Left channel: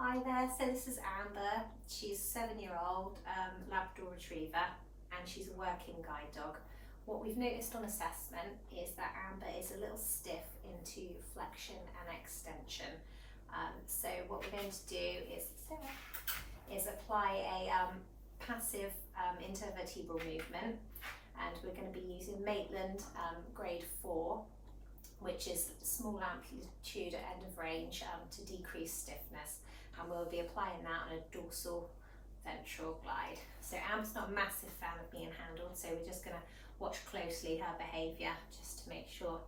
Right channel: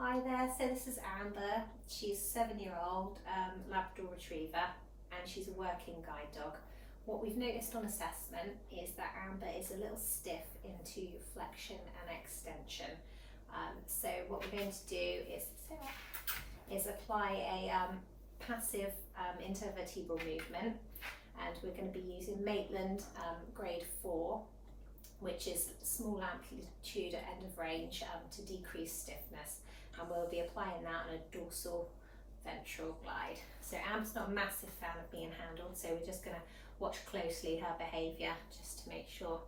Hi there, so this is Amber. She's a 7-year-old Labrador Retriever and she's a working guide dog. What we've noticed on assessment is that Amber is a little stiff into flexion and extension. So what we're going to do is apply a passive intervertebral movement, and we're going to be using Maitland grade 4, which is small amplitude at end of range to decrease stiffness. And we'll be applying that on a dorsal ventral glide. So Amber's not a massive fan of being handled, so we're just going to watch closely her behaviour just to make sure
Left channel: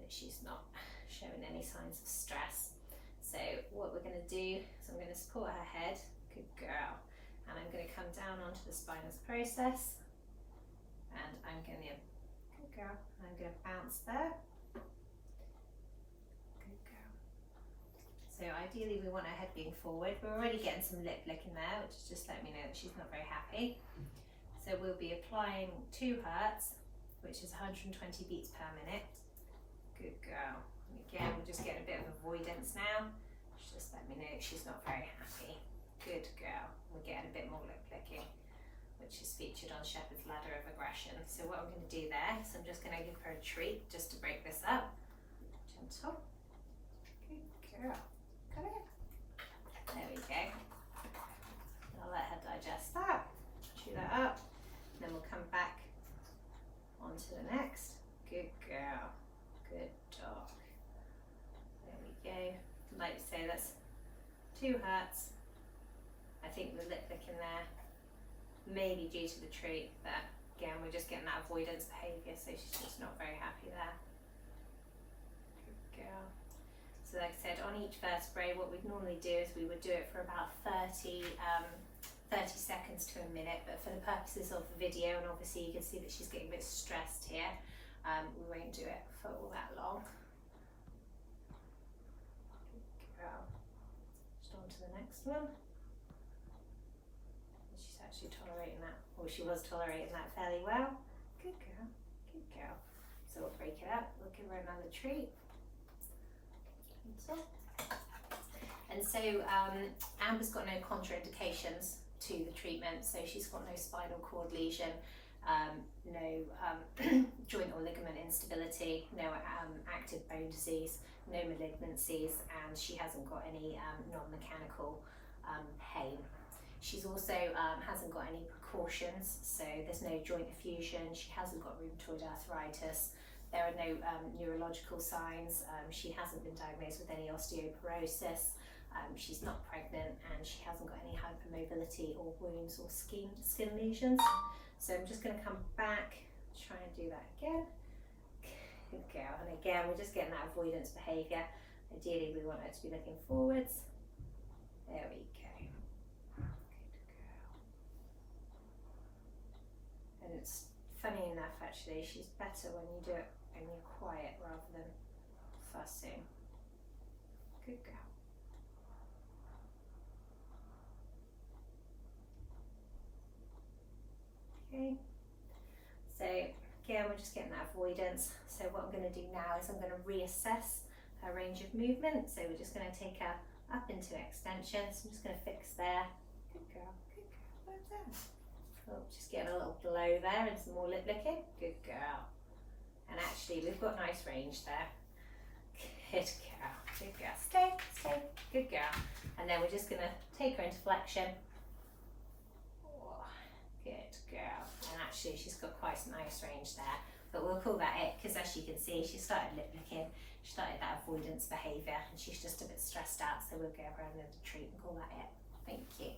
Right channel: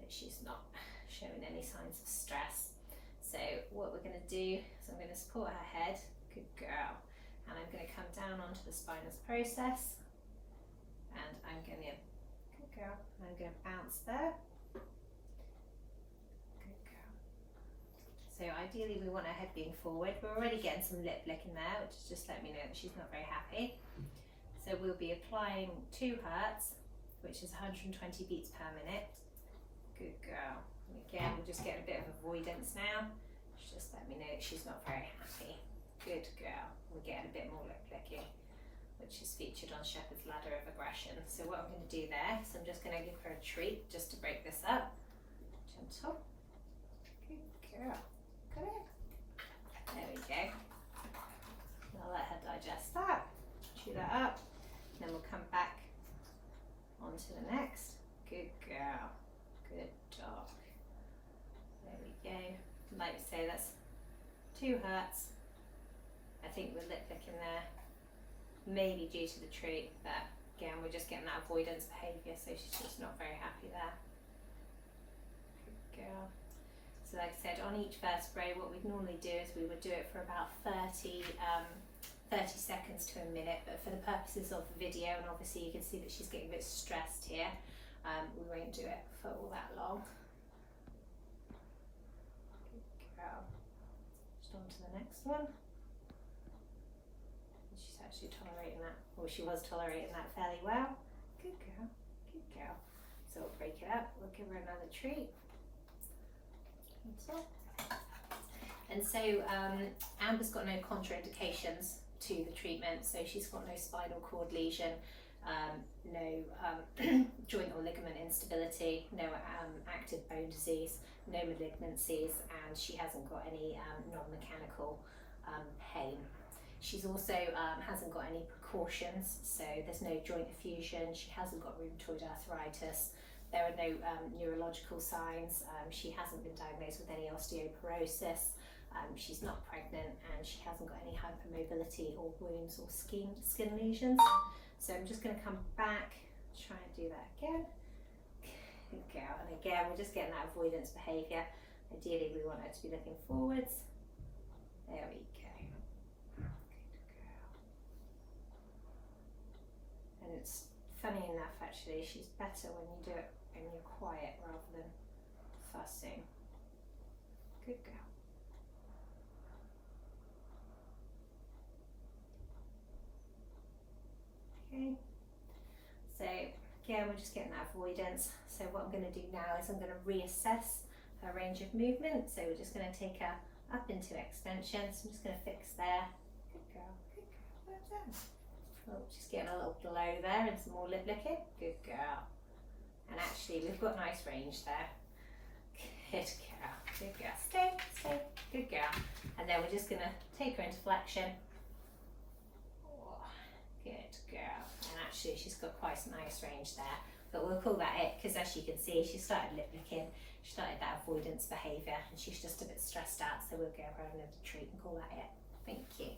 that she's not showing any signs of stress. So what we're going to do is I'm going to support her head, good girl, and I'm going to come down onto the spinous process, and I'm going to, good girl, I'm going to bounce there. So ideally we want her head being forward. We're already getting some lip licking there, which is just letting me know that she's not very happy. So we'll be applying 2 hertz, which is 120 beats per minute. Good girl. And again, we're just getting a bit of avoidance now. She's just letting me know that she's not very happy. Good girl. We're getting a bit more lip licking, which is featured on Shepherd's Ladder of Aggression. So what I'm going to do there is I'm just going to give her a treat just to break this up. Gentle. Good girl. Come here. There we go. I'll let her digest that, chew that up, and then we'll come back onto the next. Good girl. Good dog. There we go. Like I say, that's 2 hertz. I think we're lip licking there, maybe due to the treat, but again, we're just getting that avoidance behaviour, so she's just not very happy there. Good girl. So like I said, on each vertebrae, what we'd normally do is we would do it for about 30 seconds to a minute, but for the purposes of the video, and obviously you can see that she's getting a bit stressed here, we won't do it for all that long. Good girl. Just on to the next one. She's actually tolerating that, or she was tolerating that fairly well. Good girl, good girl. So we'll break it up, we'll give her another treat. And so Amber's got no contraindications to the treatment, so she's got no spinal cord lesion, no joint or ligament instability, no active bone disease, no malignancies, and she hasn't got any non-mechanical pain. She's also hasn't got any precautions, so there's no joint effusion, she hasn't got rheumatoid arthritis. There are no neurological signs. She hasn't been diagnosed with any osteoporosis. She's not pregnant, and she hasn't got any hypermobility or wounds or skin lesions. So I'm just going to come back, try and do that again. Good girl. And again, we're just getting that avoidance behaviour. Ideally, we want her to be looking forwards. There we go. Good girl. And it's funny enough, actually, she's better when you do it when you're quiet rather than fussing. Good girl. Okay. So again, we're just getting that avoidance. So what I'm going to do now is I'm going to reassess her range of movement. So we're just going to take her up into extension. So I'm just going to fix there. Good girl. Good girl. Well done. Oh, just getting a little blow there and some more lip licking. Good girl. And actually, we've got nice range there. Good girl. Good girl. Stay, stay. Good girl. And then we're just going to take her into flexion. Oh, good girl. And actually, she's got quite a nice range there. But we'll call that it, because as you can see, she started lip licking. She started that avoidance behaviour, and she's just a bit stressed out. So we'll give her another treat and call that it. Thank you.